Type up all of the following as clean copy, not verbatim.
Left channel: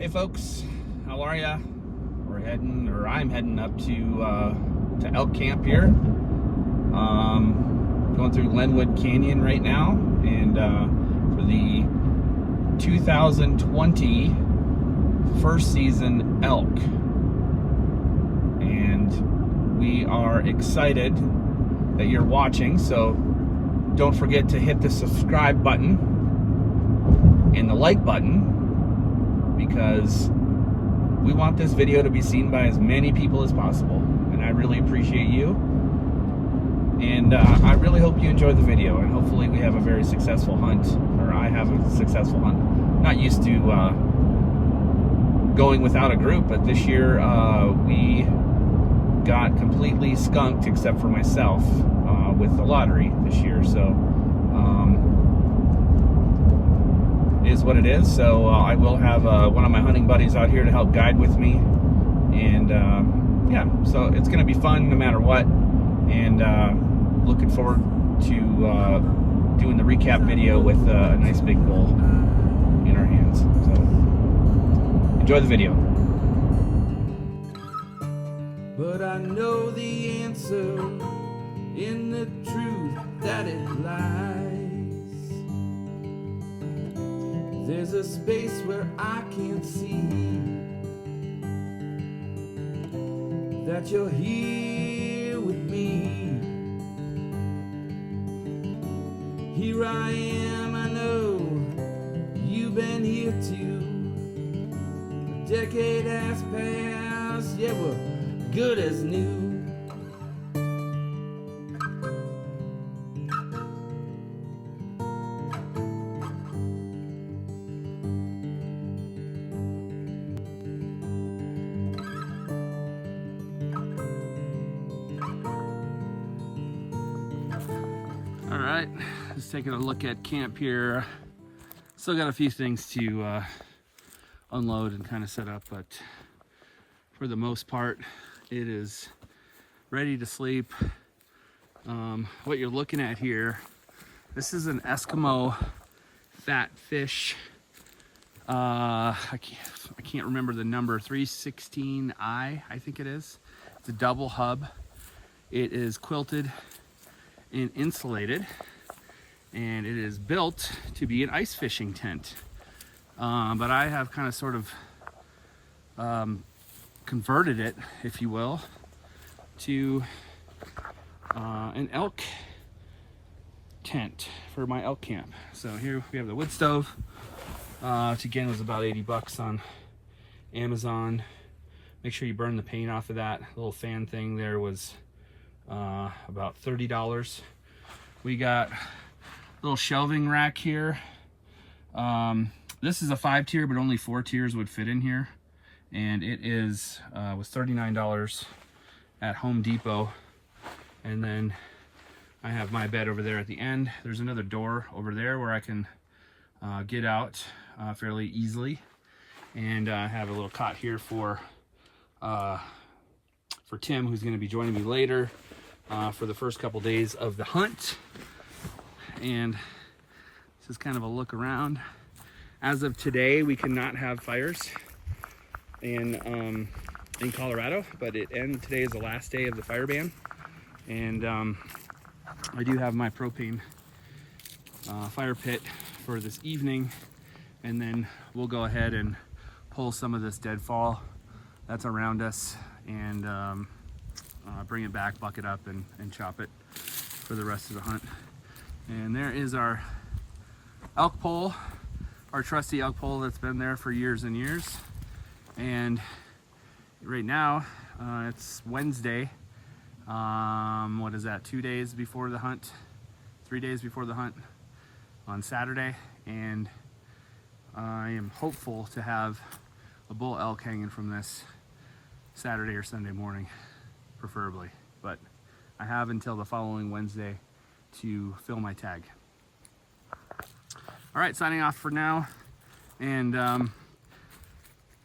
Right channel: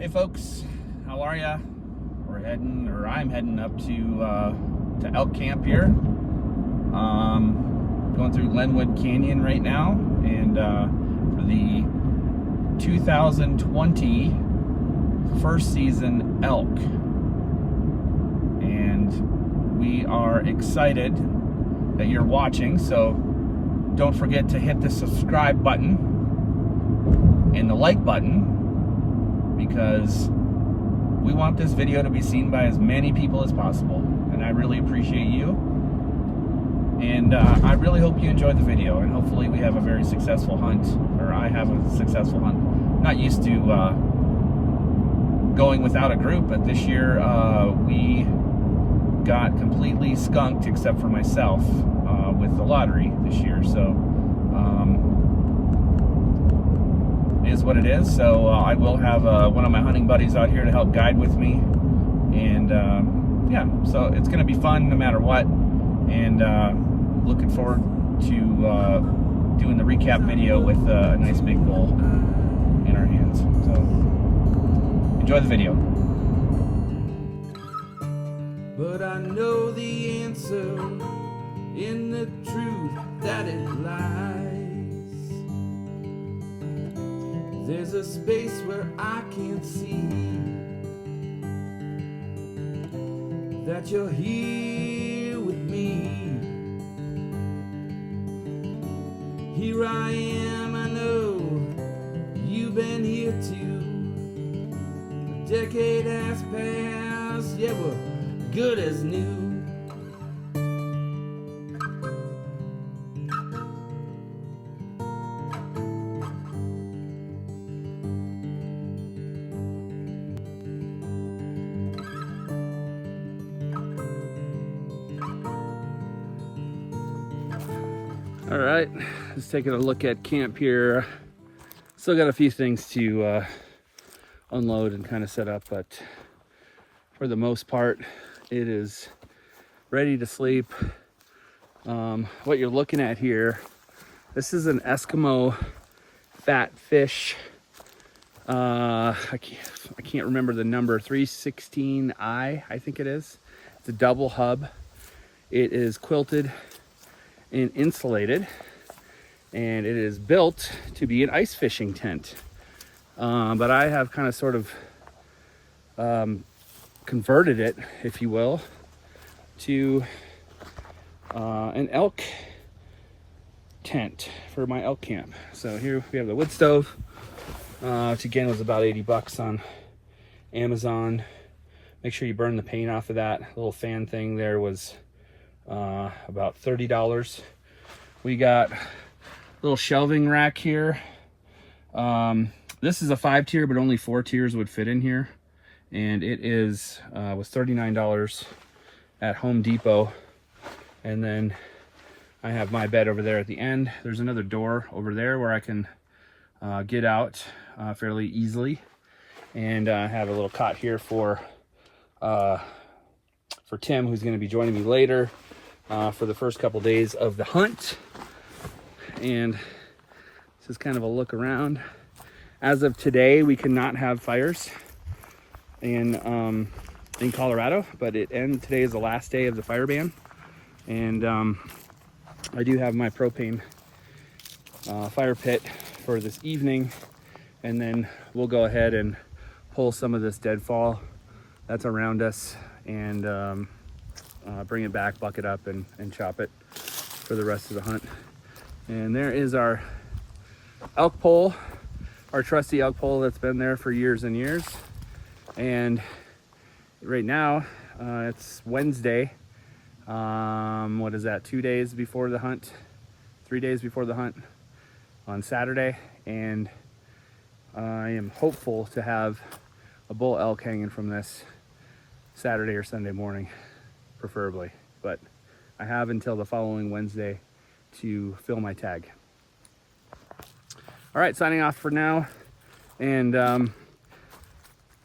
Hey folks, how are ya? I'm heading up to elk camp here. Going through Glenwood Canyon right now, and for the 2020 first season elk. And we are excited that you're watching, so don't forget to hit the subscribe button and the like button, because we want this video to be seen by as many people as possible, and I really appreciate you. And I really hope you enjoyed the video, and hopefully we have a very successful hunt, or I have a successful hunt. I'm not used to going without a group, but this year we got completely skunked except for myself with the lottery this year. So it is what it is. So I will have one of my hunting buddies out here to help guide with me, and yeah, so it's gonna be fun no matter what. And looking forward to doing the recap video with a nice big bull in our hands. So enjoy the video. But I know the answer in the truth that it lies. There's a space where I can't see that you're here with me. Here I am, I know you've been here too. A decade has passed, yeah, we're good as new. All right, just taking a look at camp here. Still got a few things to unload and kind of set up, but for the most part, it is ready to sleep. What you're looking at here, this is an Eskimo fat fish. I can't remember the number, 316i, I think it is. It's a double hub. It is quilted and insulated, and it is built to be an ice fishing tent. But I have kind of sort of converted it, if you will, to an elk tent for my elk camp. So here we have the wood stove, which again was about 80 bucks on Amazon. Make sure you burn the paint off of that. Little fan thing there was about $30. We got a little shelving rack here. This is a 5-tier, but only 4 tiers would fit in here, and it was $39 at Home Depot. And then I have my bed over there at the end. There's another door over there where I can get out fairly easily, and I have a little cot here for Tim, who's going to be joining me later for the first couple days of the hunt. And this is kind of a look around. As of today, we cannot have fires in Colorado, but today is the last day of the fire ban. And I do have my propane fire pit for this evening, and then we'll go ahead and pull some of this deadfall that's around us and bring it back, buck it up, and chop it for the rest of the hunt. And there is our elk pole, our trusty elk pole that's been there for years and years. And right now it's Wednesday. What is that, 2 days before the hunt, 3 days before the hunt on Saturday, and I am hopeful to have a bull elk hanging from this Saturday or Sunday morning, preferably, but I have until the following Wednesday to fill my tag. All right, signing off for now, and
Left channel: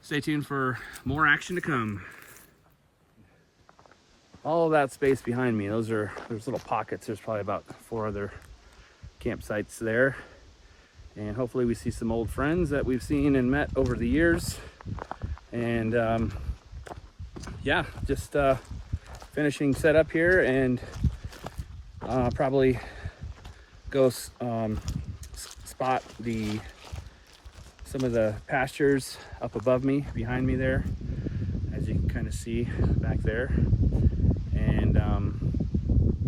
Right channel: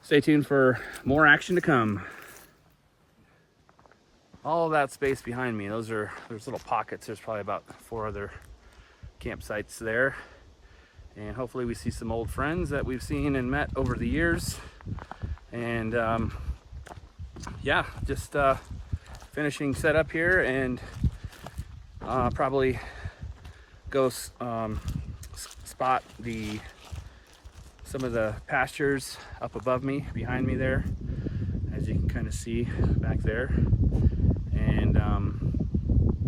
stay tuned for more action to come. All that space behind me, there's little pockets. There's probably about 4 other campsites there, and hopefully we see some old friends that we've seen and met over the years. And yeah, just finishing setup here, and probably go spot some of the pastures up above me, behind me there, as you can kind of see back there, and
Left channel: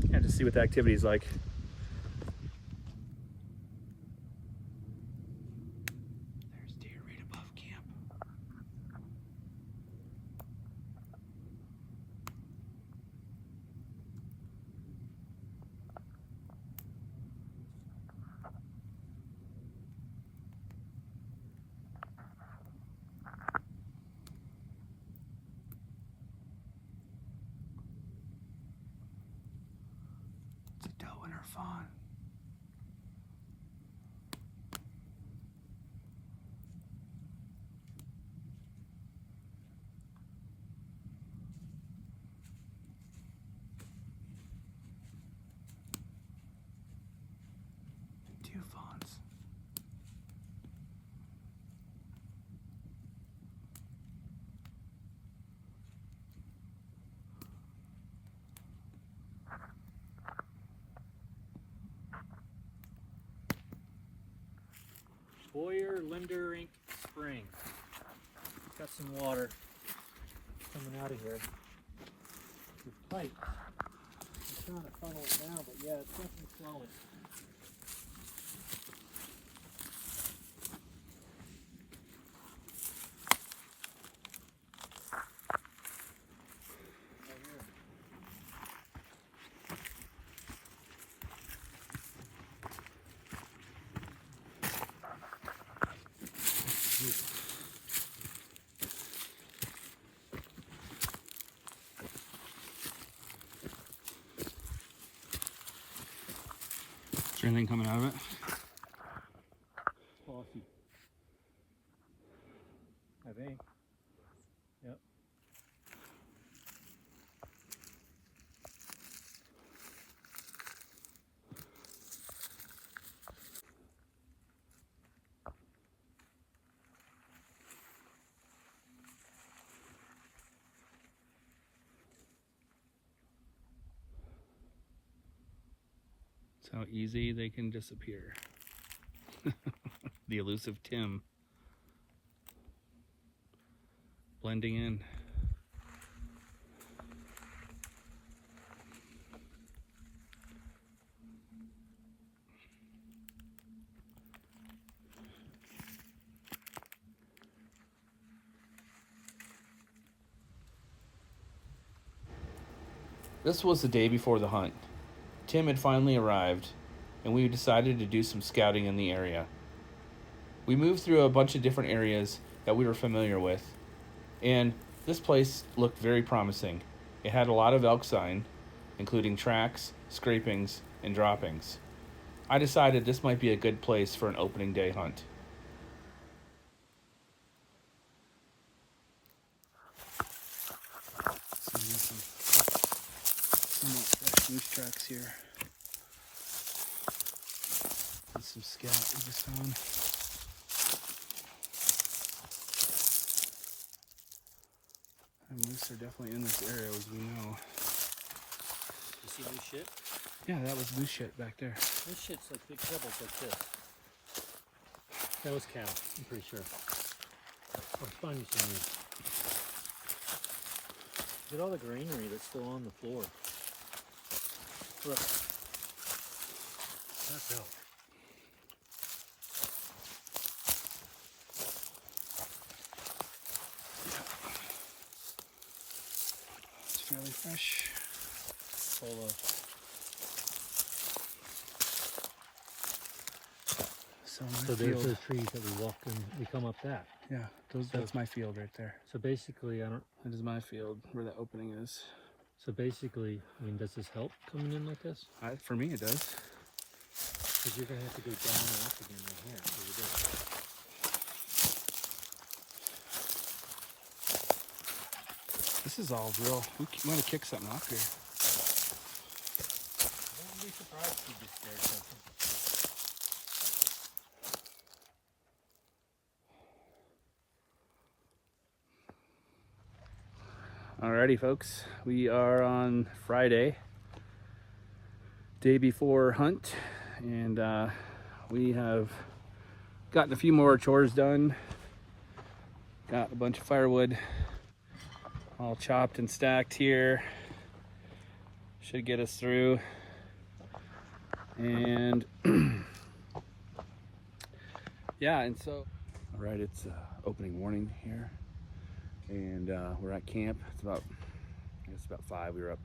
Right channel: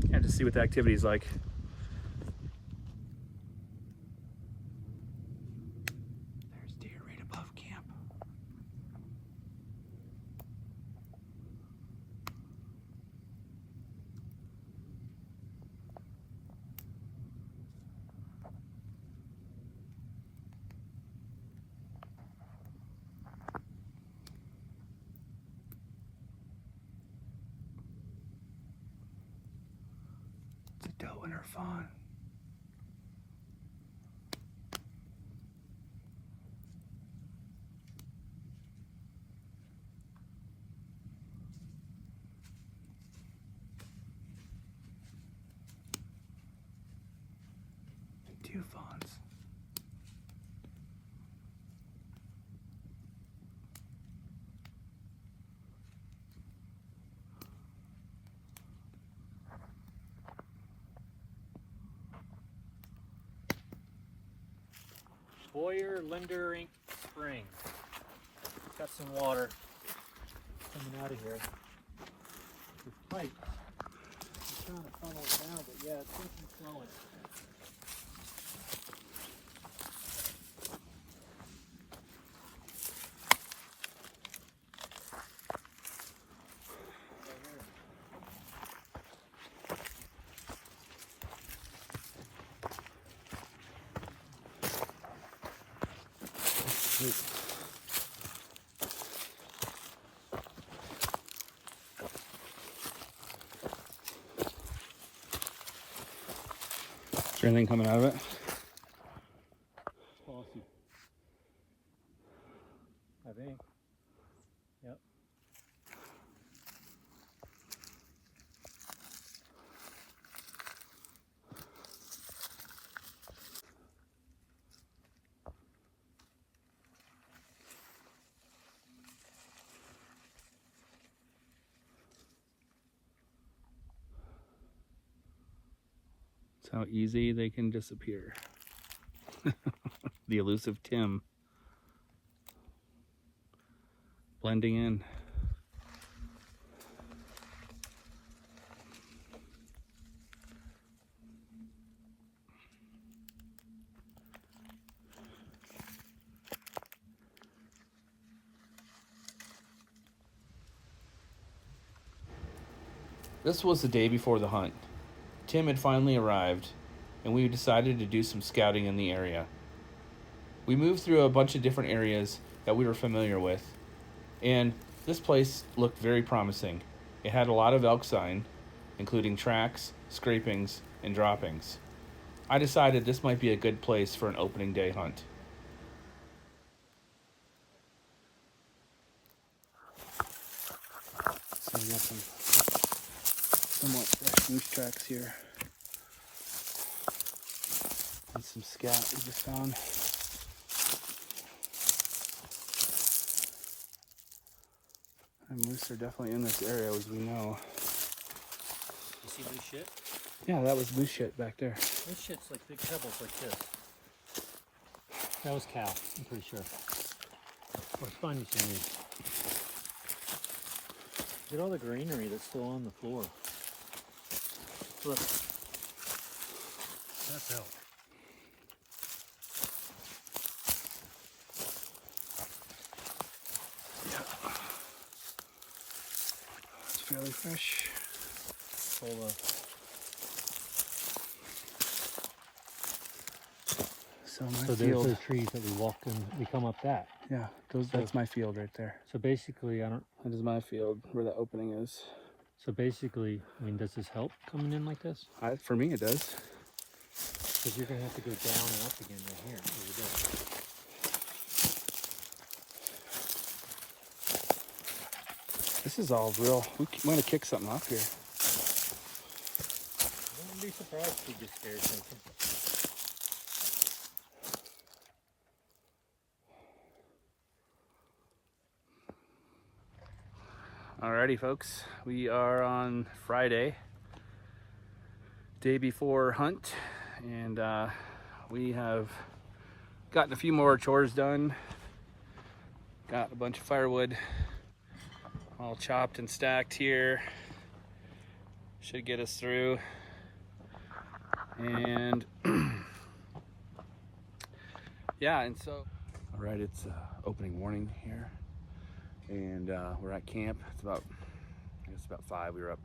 yeah, just see what the activity is like. There's deer right above camp. It's a doe and her fawn. And 2 fawns. Boyer Linder Inc. Spring. Got some water coming out of here. It's tight. I'm sure the sun is on it, but yeah, it's definitely flowing. Is there anything coming out of it? Bossy. I think. Yep. That's how easy they can disappear. The elusive Tim. Blending in. This was the day before the hunt. Tim had finally arrived, and we decided to do some scouting in the area. We moved through a bunch of different areas that we were familiar with, and this place looked very promising. It had a lot of elk sign, including tracks, scrapings, and droppings. I decided this might be a good place for an opening day hunt. So we got some somewhat fresh moose tracks here. And some scout we just found. And moose are definitely in this area, as we know. You see loose shit? Yeah, that was moose shit back there. This shit's like big pebbles like this. That was cow, I'm pretty sure. Let's find you some moose. Look at all the greenery that's still on the floor. Look. That's elk. It's fairly fresh. So my So there's field. those trees that we walked in. We come up that. Yeah, that's my field right there. So basically, That is my field where the opening is. So basically, I mean, does this help coming in like this? For me, it does. Because you're gonna have to go down and up again right here over there. This is all real. We want to kick something off here. I wouldn't be surprised if we just scared something. Alrighty, folks, we are on Friday, day before hunt, and we have gotten a few more chores done. Got a bunch of firewood all chopped and stacked here. Should get us through. And yeah, and so all right, it's opening morning here, and we're at camp. It's about, I guess about 5. We were up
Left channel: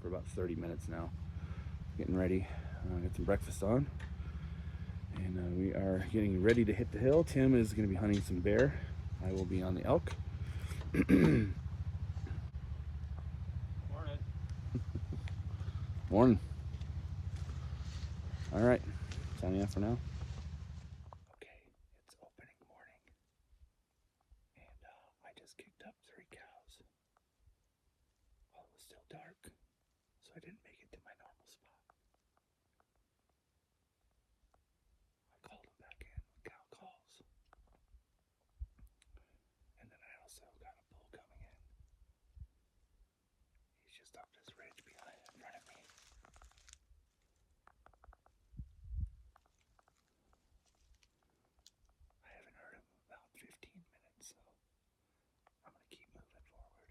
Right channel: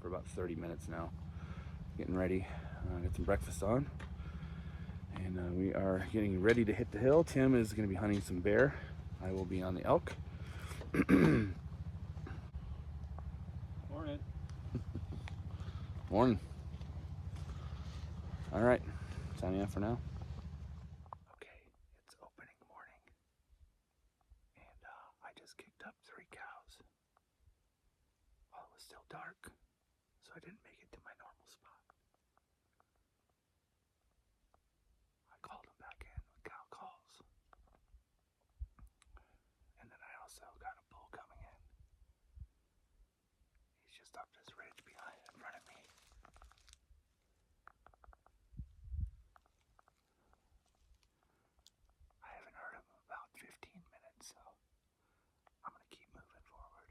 for about 30 minutes now, getting ready, get some breakfast on, and we are getting ready to hit the hill. Tim is going to be hunting some bear. I will be on the elk. Morning. Morning. All right, signing off for now. Okay, it's opening morning, and I just kicked up 3 cows while it was still dark, so I didn't make it to my normal spot. I called them back in with cow calls, and then I also got a bull coming in. He's just up this ridge behind in front of me. I haven't heard him in about 15 minutes, so I'm gonna keep moving forward.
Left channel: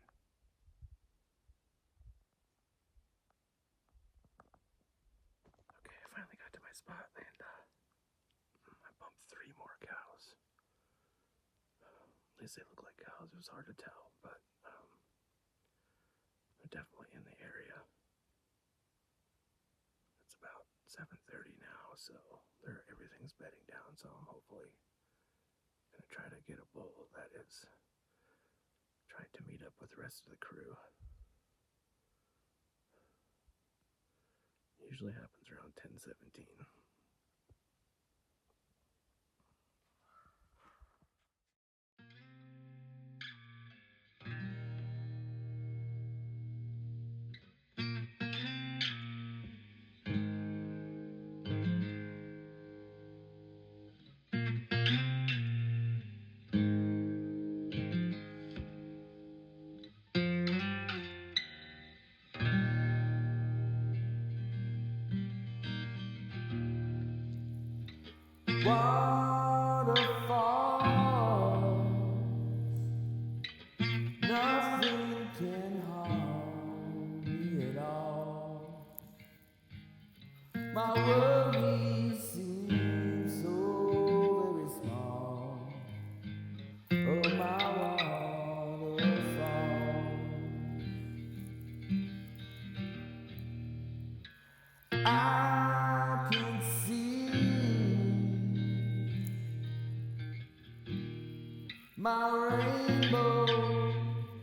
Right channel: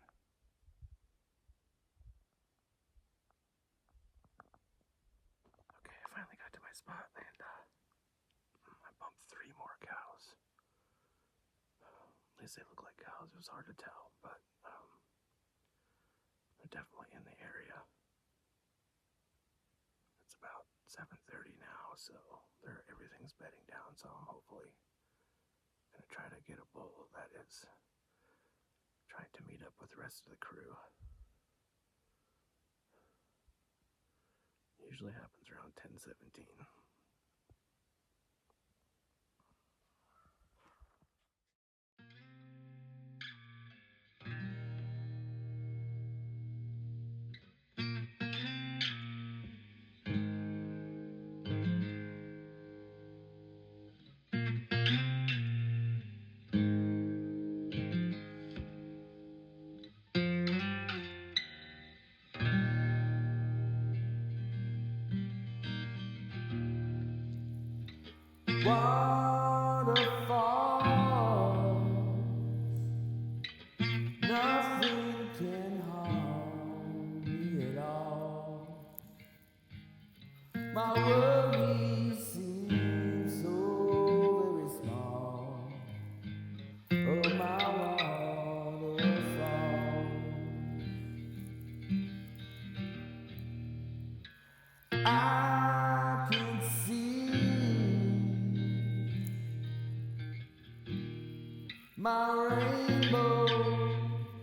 Okay, I finally got to my spot, and I bumped 3 more cows. At least they look like cows. It was hard to tell, but they're definitely in the area. It's about 7:30 now, so everything's bedding down, so I'm hopefully gonna try to get a bull that is trying to meet up with the rest of the crew. Usually happens around 10:17. Waterfalls, nothing can harm me at all. My worries seem so very small. Oh, my waterfall, I can see my rainbow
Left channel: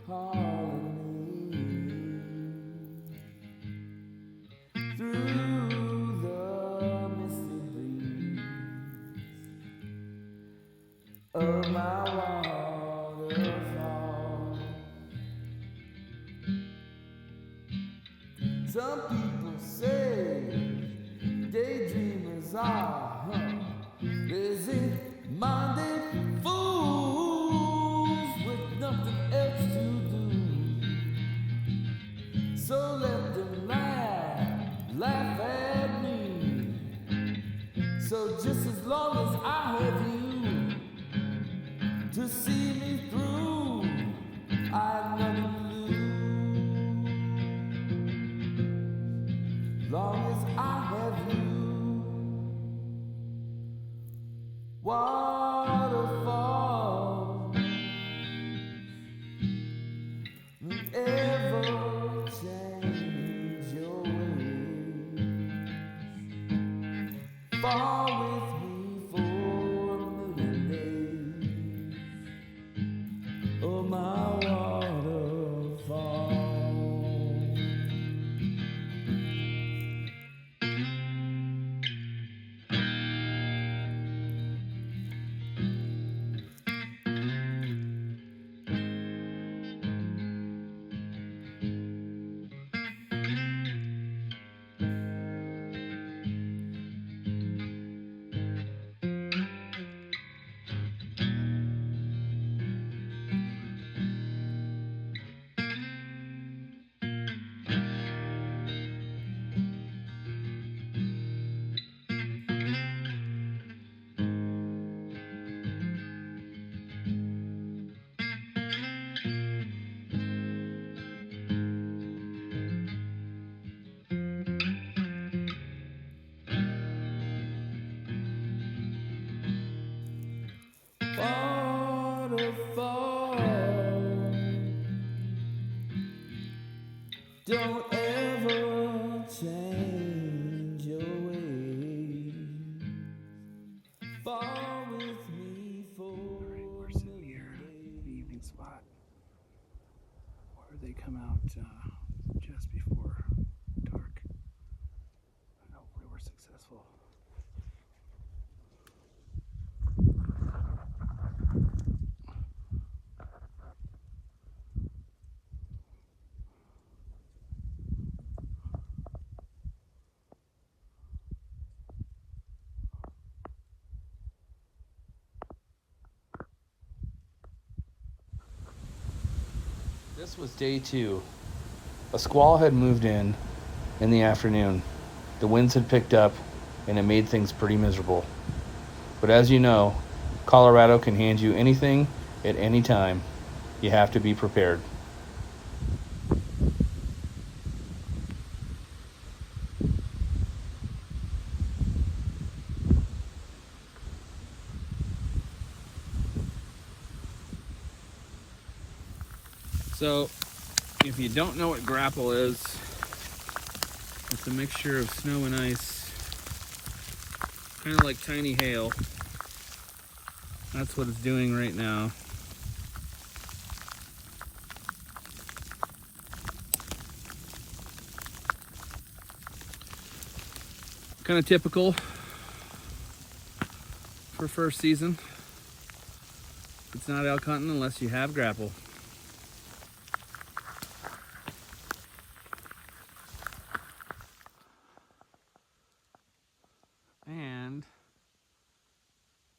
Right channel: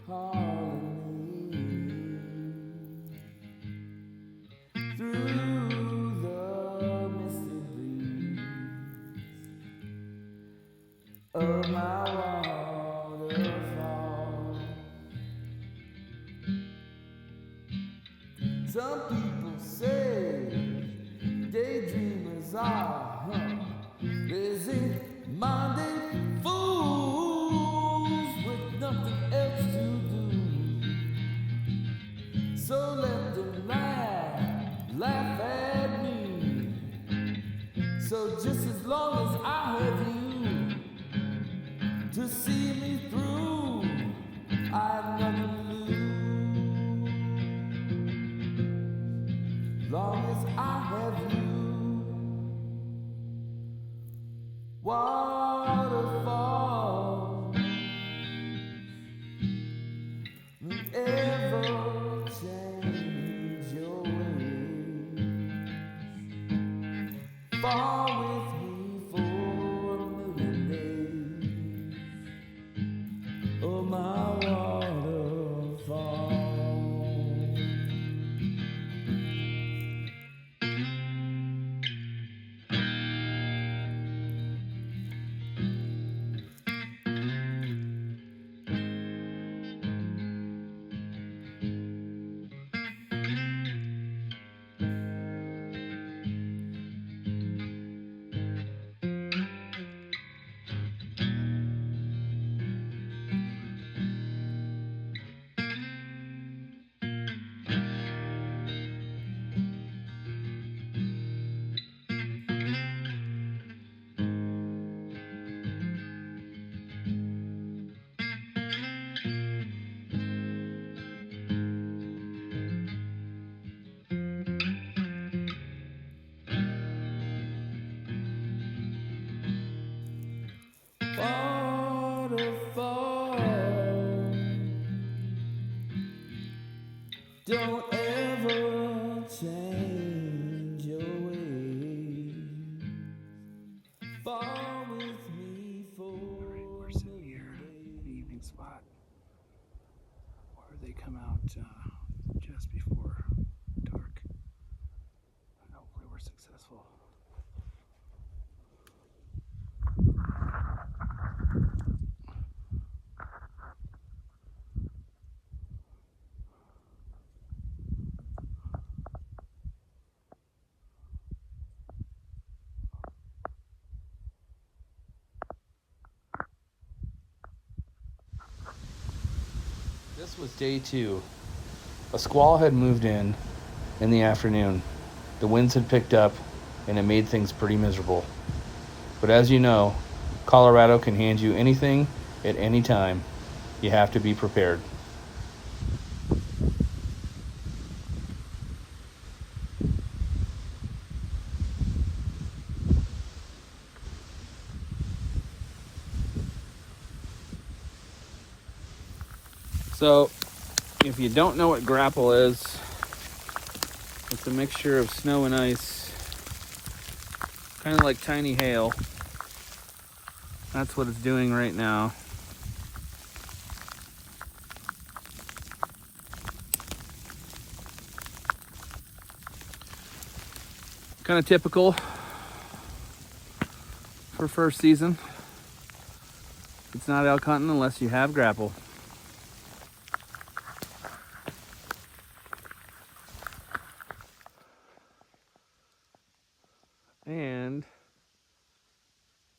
calling me through the misty breeze of my waterfall. Some people say daydreamers are busy-minded fools with nothing else to do. So let them laugh at me. So just as long as I have you to see me through, I have nothing to lose. Long as I have you. Waterfall, ever change your ways. Fall with me for a million days. Oh, my waterfall. far to fall. Don't ever change your ways. Fall with me for a million days. Evening spot where they come out just before dark. Hopefully we're successful. This was day 2. A squall had moved in the afternoon. The winds had picked up and it made things pretty miserable. But as you know, Colorado can hand you anything at any time. You have to be prepared. So, if you don't know what grapple is, it's a mixture of snow and ice, kind of like tiny hail. That's what it's doing right now. Kind of typical for first season. It's not elk hunting unless you have grapple. And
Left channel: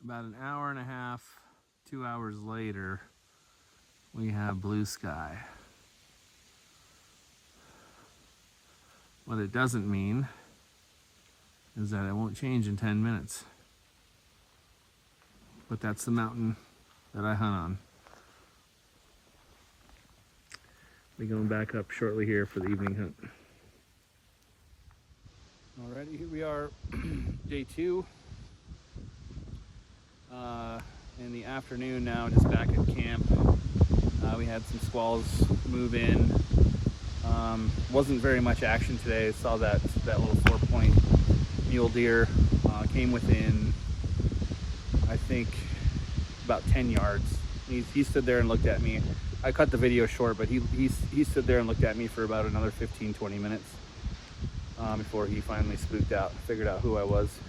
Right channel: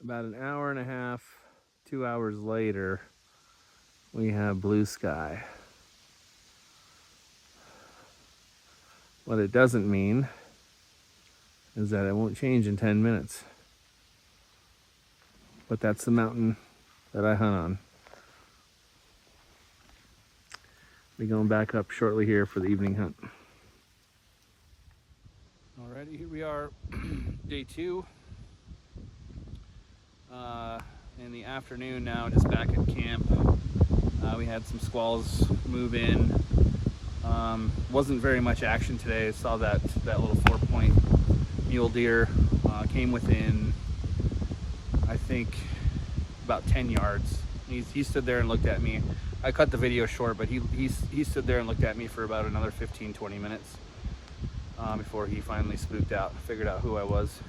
about an hour and a half, 2 hours later, we have blue sky. What it doesn't mean is that it won't change in 10 minutes. But that's the mountain that I hunt on. Be going back up shortly here for the evening hunt. Alrighty, here we are, day 2. In the afternoon now, just back at camp. We had some squalls move in. Wasn't very much action today. Saw that little 4-point mule deer came within, I think, about 10 yards. He stood there and looked at me. I cut the video short, but he stood there and looked at me for about another 15-20 minutes before he finally spooked out, figured out who I was,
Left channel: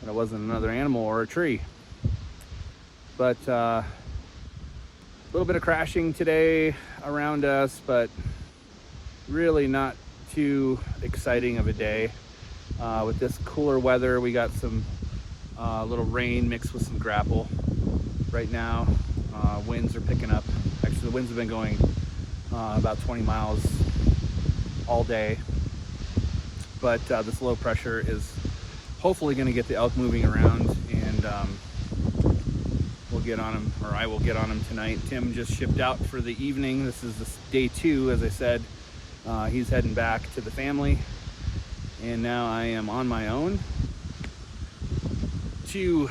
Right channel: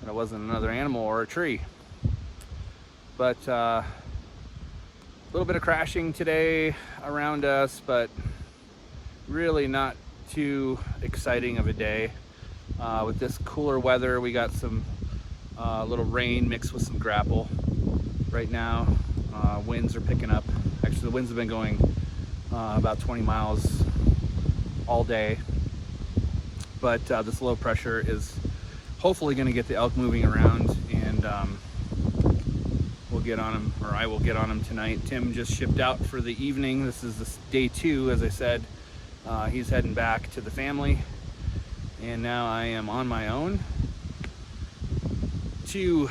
and it wasn't another animal or a tree. But a little bit of crashing today around us, but really not too exciting of a day. With this cooler weather, we got some little rain mixed with some grapple right now. Winds are picking up. Actually, the winds have been going about 20 miles all day. But this low pressure is hopefully going to get the elk moving around, and we'll get on them, or I will get on them tonight. Tim just shipped out for the evening. This is day 2, as I said. He's heading back to the family, and now I am on my own to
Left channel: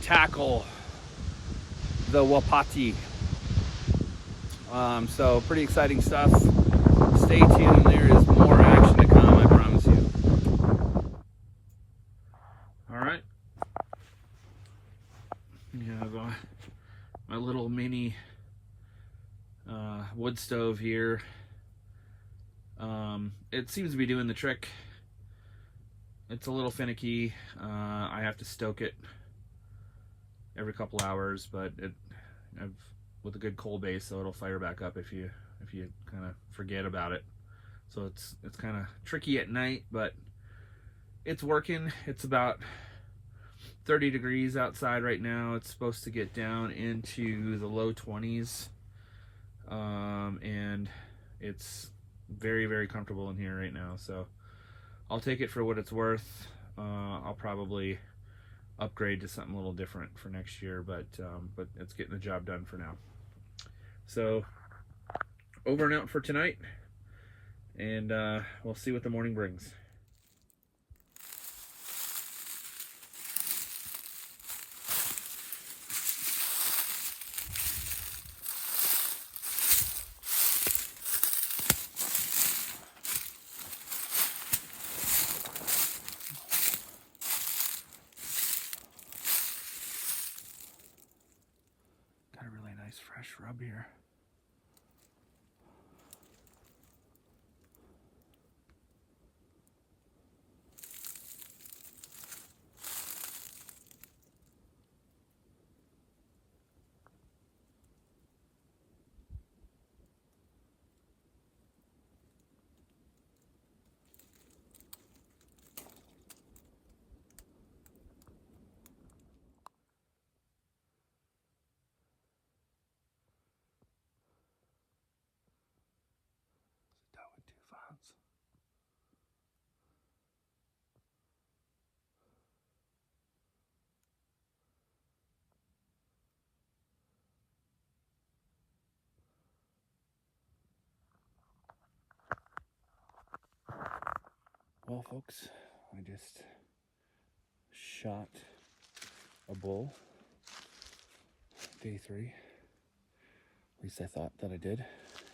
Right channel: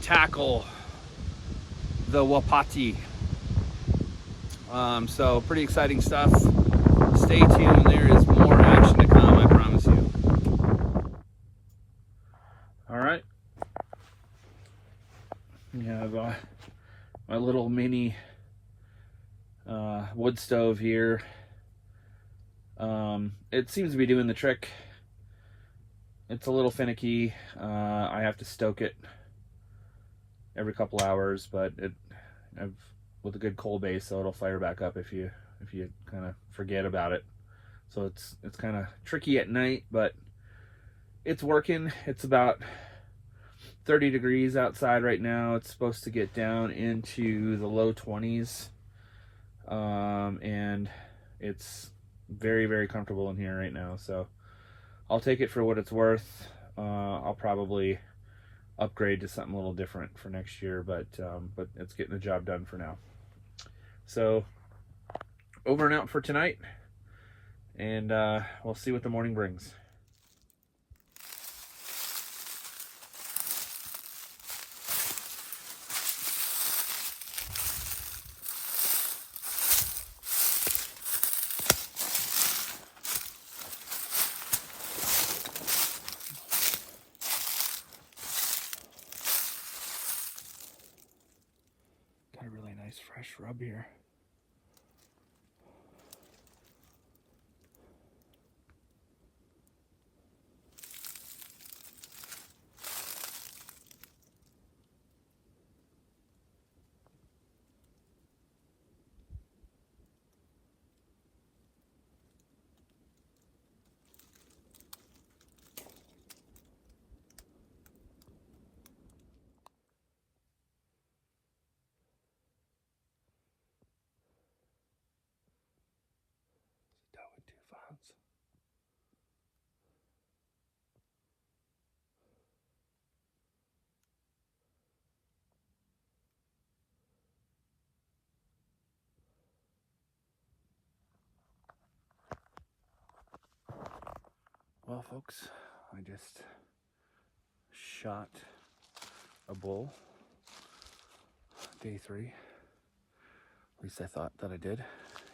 tackle the Wapiti. So pretty exciting stuff. Stay tuned, there is more action to come, I promise you. Alright. We have my little mini wood stove here. It seems to be doing the trick. It's a little finicky. I have to stoke it every couple hours, but with a good coal base, so it'll fire back up if you kind of forget about it. So it's kind of tricky at night, but it's working. It's about 30 degrees outside right now. It's supposed to get down into the low 20s, and it's very, very comfortable in here right now. So I'll take it for what it's worth. I'll probably upgrade to something a little different for next year, but it's getting the job done for now. So over and out for tonight, and we'll see what the morning brings. Nice fresh rub here. Doe with 2 fawns. Well, folks, I just shot a bull. Day 3. At least I thought that I did.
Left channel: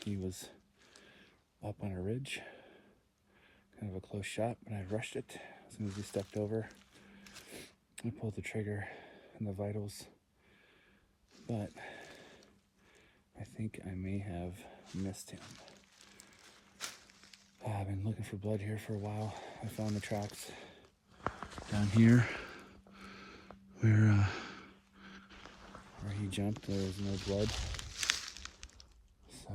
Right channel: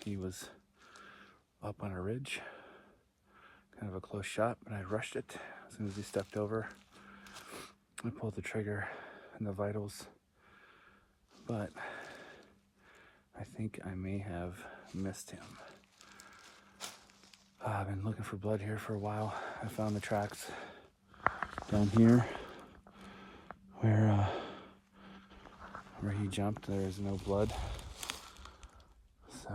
He was up on a ridge. Kind of a close shot, but I rushed it. As soon as he stepped over, I pulled the trigger and the vitals. But I think I may have missed him. I've been looking for blood here for a while. I found the tracks down here where he jumped. There was no blood. So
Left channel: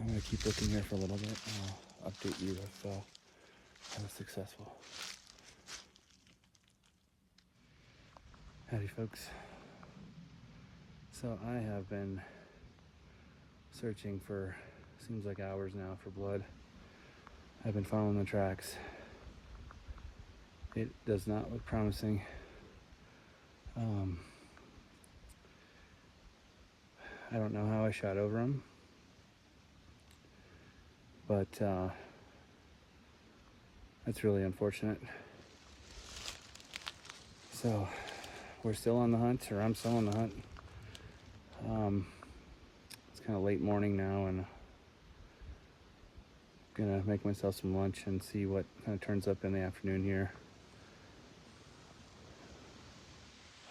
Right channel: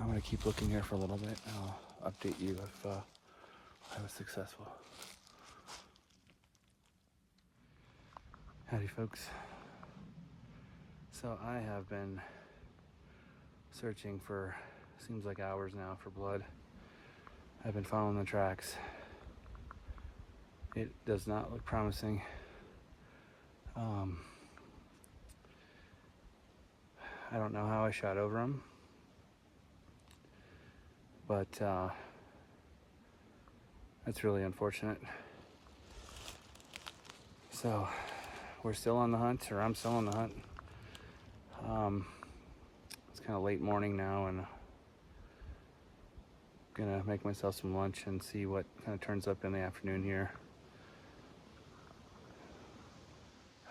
I'm gonna keep looking here for a little bit and I'll update you if I was successful. Howdy folks. So I have been searching for, seems like hours now, for blood. I've been following the tracks. It does not look promising. I don't know how I shot over him, but that's really unfortunate. So we're still on the hunt, or I'm still on the hunt. It's kind of late morning now, and I'm gonna make myself some lunch and see what kind of turns up in the afternoon here.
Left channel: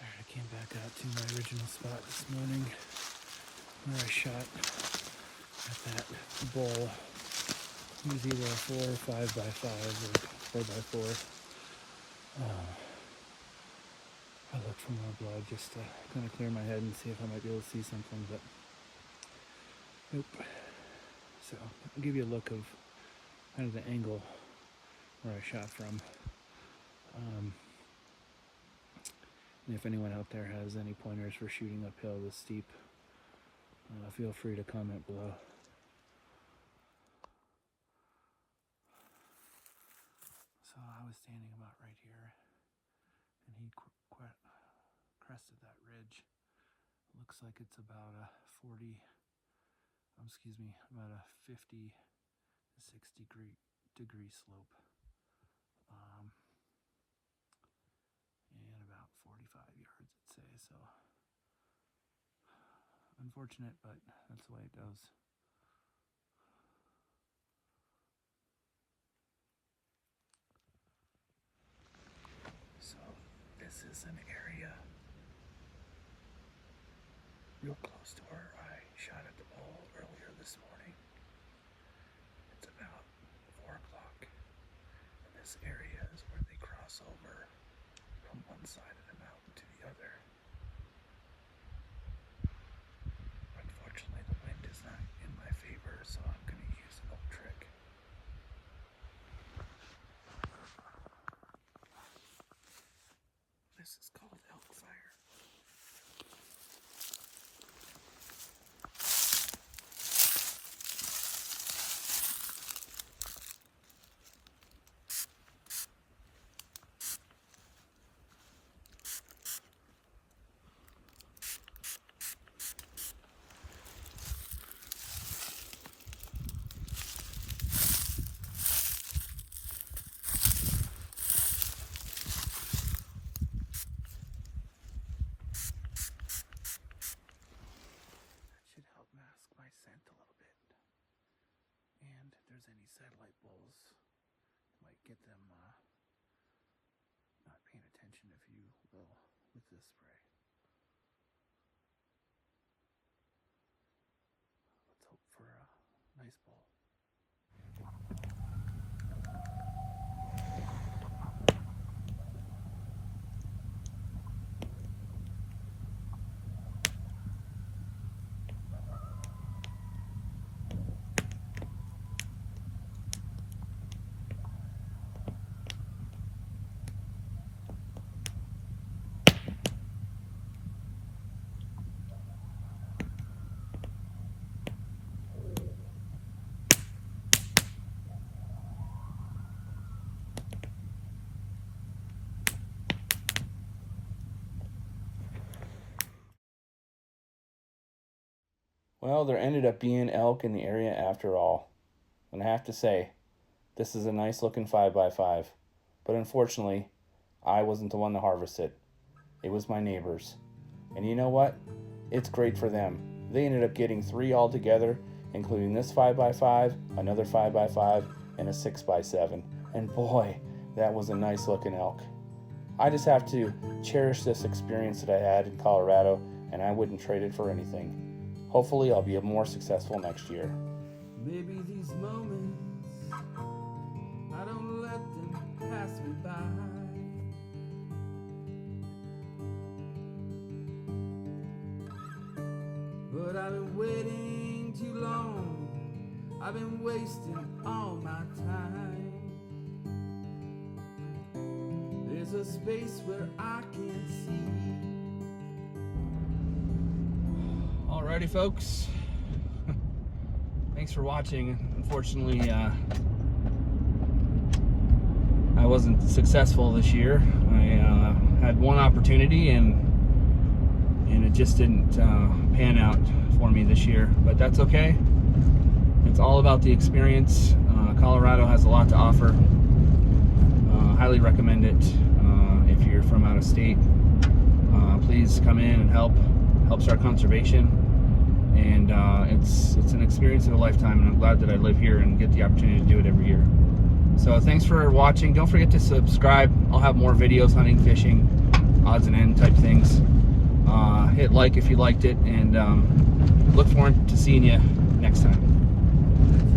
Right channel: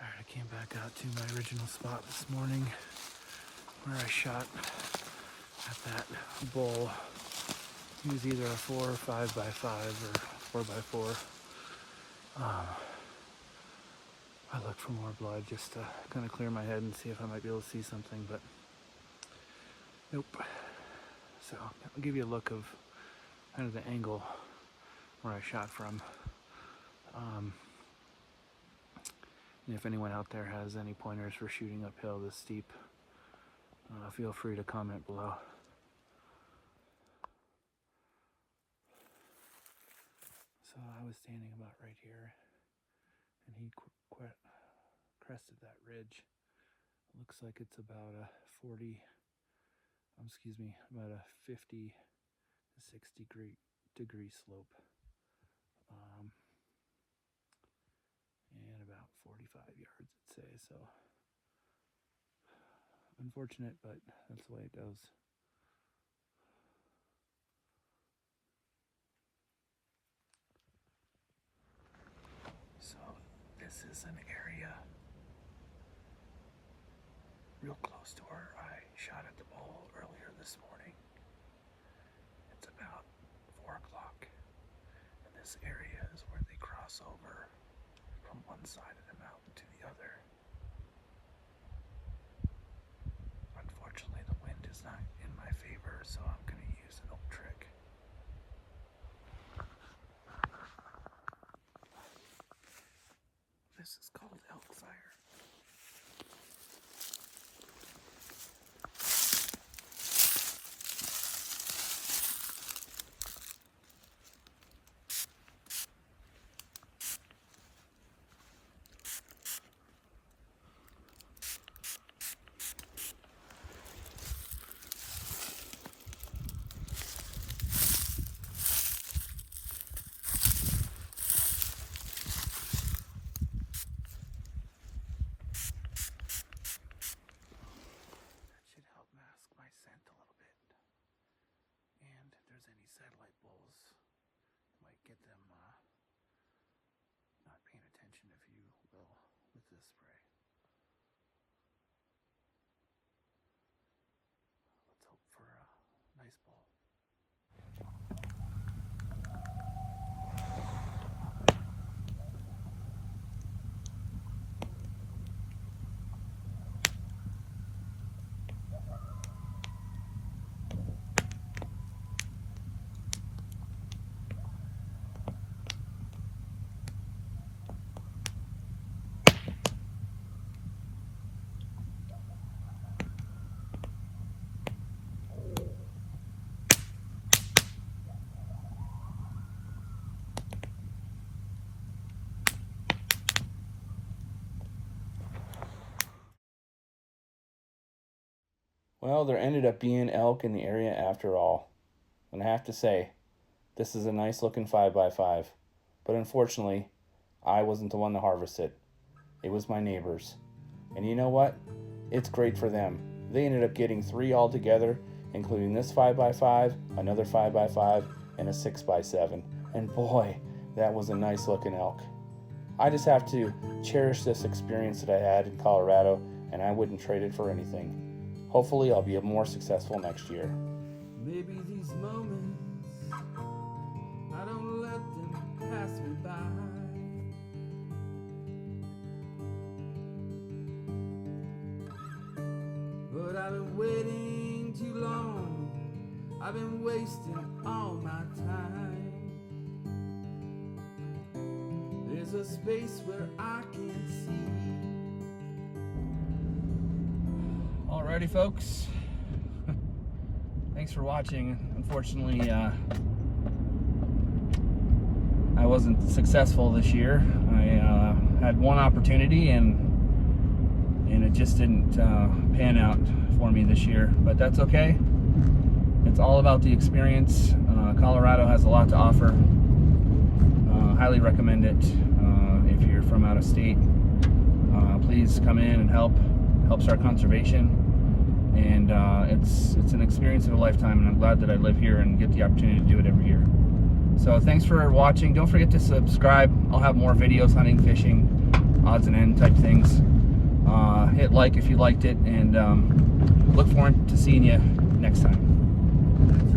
All right, I came back out to my original spot this morning where I shot at that bull. He was either a 4 or 5 by 5 or 4 by 4. I looked for more blood just to kind of clear my head and see if I might be able to see something, but nope. So I'll give you a look of kind of the angle where I shot from. And if anyone out there has any pointers for shooting uphill this steep, feel free to comment below. So I was standing about right here, and he crested that ridge. Looks like it's about a 50 to 60 degree slope. And about 45 yards, I'd say. So unfortunate, but that's the way it goes. So this is an area real close to where I shot at the bull earlier this morning. It's about 4 o'clock, and this area is where they cross over from one side of the mountain to the other. Unfortunately, the wind is not in my favor, so I'm going to use an old trick. This is called WILDFIRES. Well, there ended up being elk in the area after all. And I have to say, this is a nice looking 5x5. But unfortunately, I wasn't the one to harvest it. It was my neighbors. And you know what? It's great for them. They ended up getting 3 altogether, including this 5x5, another 5x5, and a 6x7. And boy, that was a nice looking elk. I just have to cherish this experience that I had in Colorado, and I wouldn't trade it for anything. Hopefully I'll be more successful next year. Maybe these moments, I don't let them pass me by. But I've been waiting too long. I've been wasting all my time. There's a space where I can see. Alrighty, folks. Thanks for watching. Unfortunately, I wasn't successful this year. I had one opportunity and it just didn't pan out for me this year, but that's okay. It's all about the experience. Colorado has a lot to offer. Highly recommend it. If you're from out of state, please come in and help start conservation. And it's an experience of a lifetime, and I'm glad that I live here and get the opportunity to do it every year. So thanks for watching. Don't forget to subscribe. I'll have more videos, hunting, fishing, odds and end type things. Hit like if you liked it, and look forward to seeing you next time.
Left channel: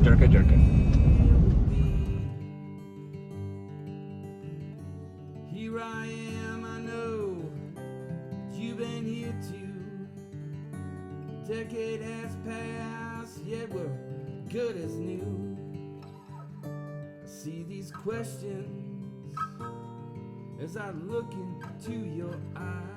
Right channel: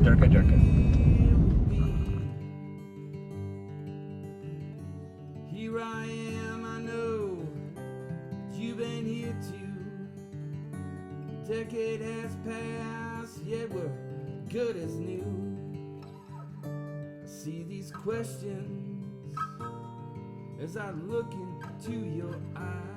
Durka Durka. Here I am, I know you've been here too. A decade has passed, yet we're good as new. I see these questions as I look into your eyes.